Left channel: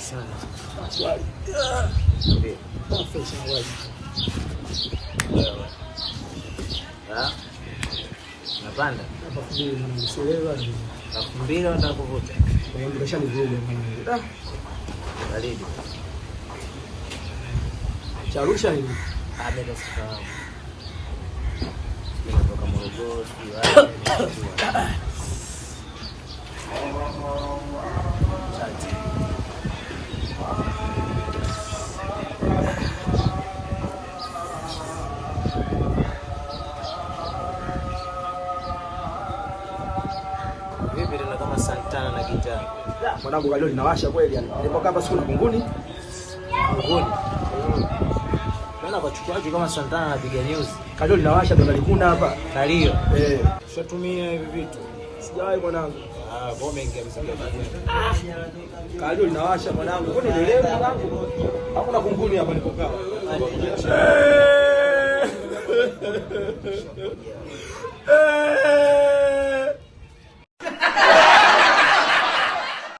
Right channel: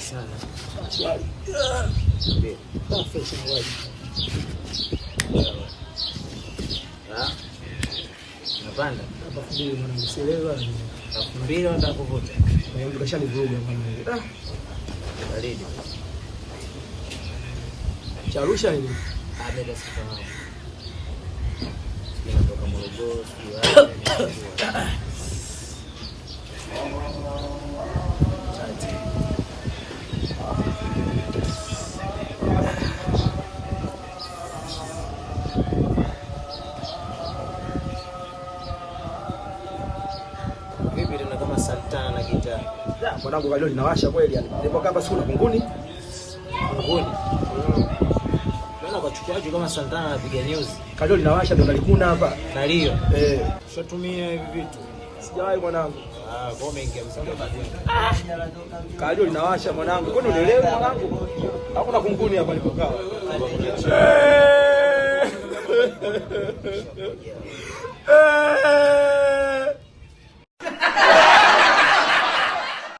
Sana. Swali. Ndio. Pesa wapi? Napanda. Hapa kile mwanangu 2,000 nataka kuvuta. na yangu kashanivuruga mwanangu. Baridi. Charusha hivi. Bado sifahamu. Nimetoka Morogoro, sio wapi. Vipi tena kama Santana na gitaa? Mwanangu kalio linawasha kweli yani. Nilipokaa hapa siku na kunguni. Kunguni. Naona kwa chukiaje kama Santana anapiga news. Kalio linawasha tutalikuna hapa. Nalio. Ushatumia hivi vitu. Sijawahi mwanangu. Kwa umeingia msingi kunguni. Kalio linawasha mwanangu. Kwani unielewa mwanangu? Hakuna kunguni hapa nilipokaa. Kuna